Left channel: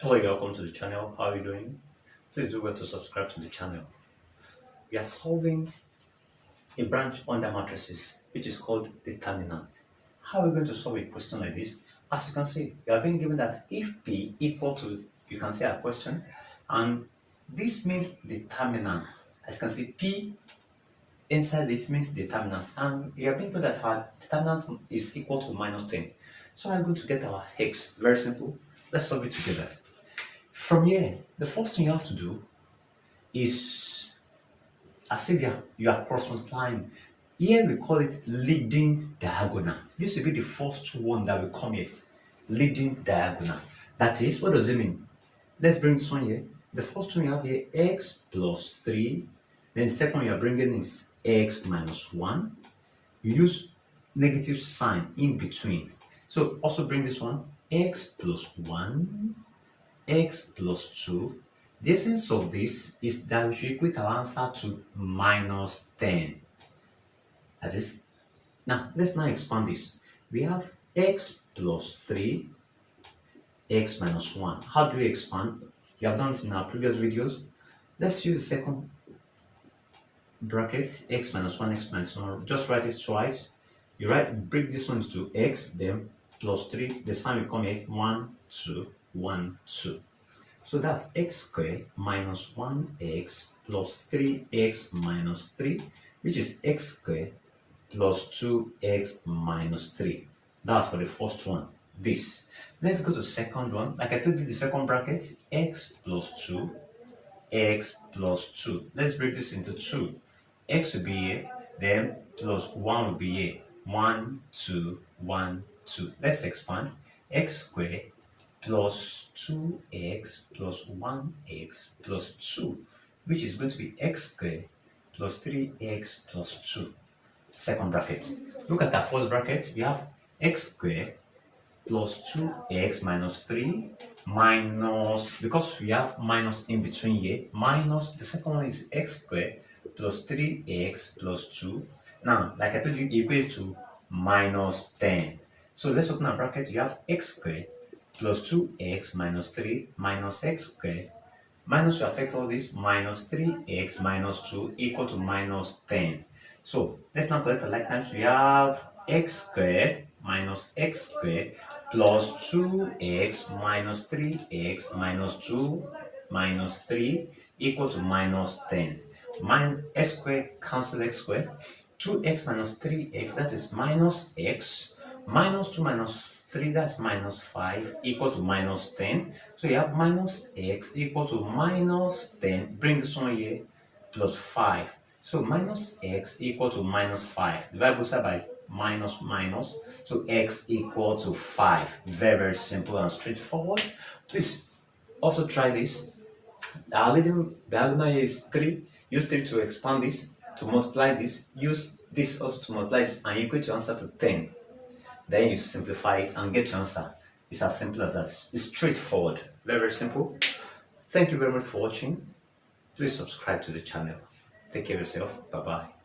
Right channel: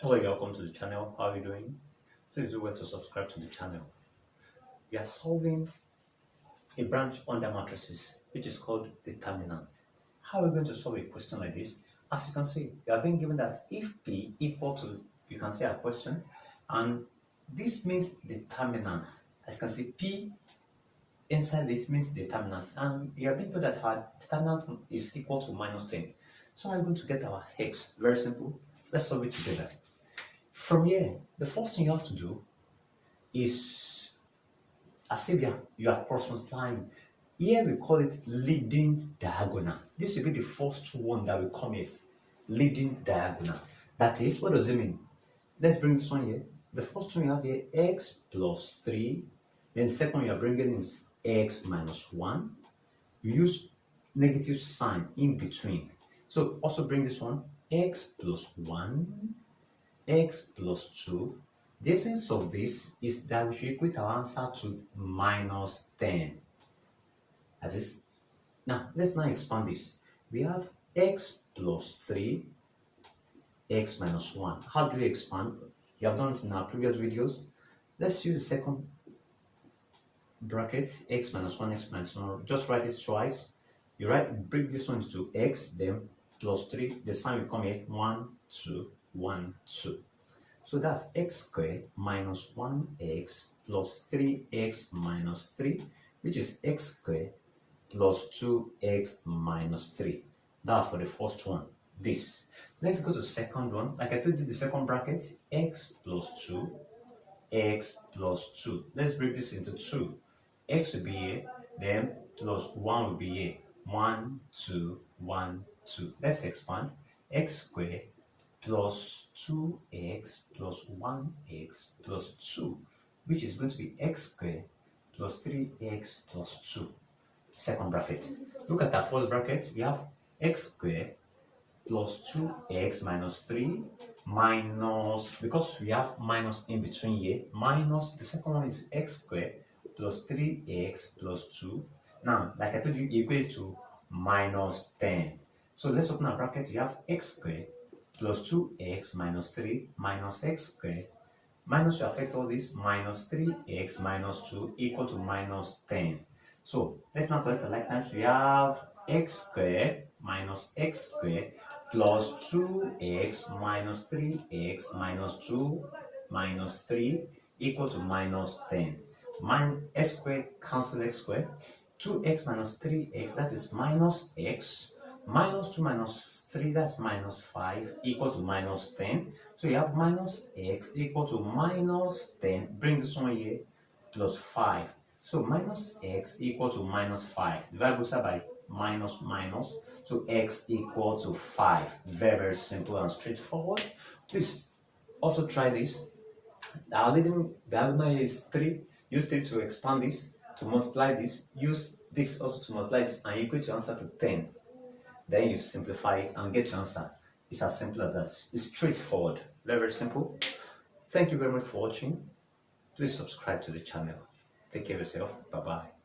Hello, welcome to the channel. How are you doing? Please do well to subscribe to the channel. We are solving a branch under matrices, which is called determinant. How are we going to solve a question like this? As you can see, we are being given that if P equal to, you can see our question, and this means determinant. As you can see, P inside this means determinant, and we have been told that our determinant is equal to minus 10. So I'm going to get our x. Very simple. Let's solve it together. From here, the first thing you have to do is, as if you are cross multiplying. Here we call it leading diagonal. This will be the first one that will come here. Leading diagonal. That is, what does it mean? Let's bring this one here. The first one you have here, x plus 3. Then the second one you are bringing is x minus 1. You use negative sign in between. So also bring this one, x plus 1. X plus 2. The essence of this is that we should equate our answer to minus 10. That is, now let's now expand this. We have x plus 3, x minus 1. How do we expand? You have done it in our previous videos. Let's use the second bracket, x minus 1, x minus 1. Just write it twice. You break this one into x, then plus 3. The sign will come here, 1, 2. 1, 2. So that's x squared minus 1x plus 3x minus 3, which is x squared plus 2x minus 3. That's for the first one. This. Let's go to the second one. Like I told you, the second bracket, x plus 2, x plus 2. Let's break this into 2. X will be here, then plus 1 will be here. 1, 2, 1, 2. Let's expand. X squared plus 2x plus 1x plus 2, which is going to be x squared plus 3x plus 2. Second bracket. Look at that first bracket. We have x squared plus 2x minus 3 minus, because we have minus in between here, minus the second one is x squared plus 3x plus 2. Now, like I told you, equals to minus 10. So let's open a bracket. You have x squared plus 2x minus 3 minus x squared. Minus will affect all this, minus 3x minus 2 equal to minus 10. So let's now collect the like times. We have x squared minus x squared plus 2x minus 3x minus 2 minus 3 equal to minus 10. X squared cancel x squared. 2x minus 3x, that is minus x. Minus 2 minus 3, that's minus 5, equal to minus 10. So you have minus x equal to minus 10. Bring this one here, plus 5. So minus x equal to minus 5. Divide both sides by minus minus. So x equal to 5. Very, very simple and straightforward. Please also try this. Our leading diagonal here is 3. Use 3 to expand this, to multiply this. Use this also to multiply this, and equate your answer to 10. Then you simplify it and get your answer. It's as simple as that. It's straightforward. Very, very simple. Thank you very much for watching. Please subscribe to the channel. Take care of yourself. Bye-bye.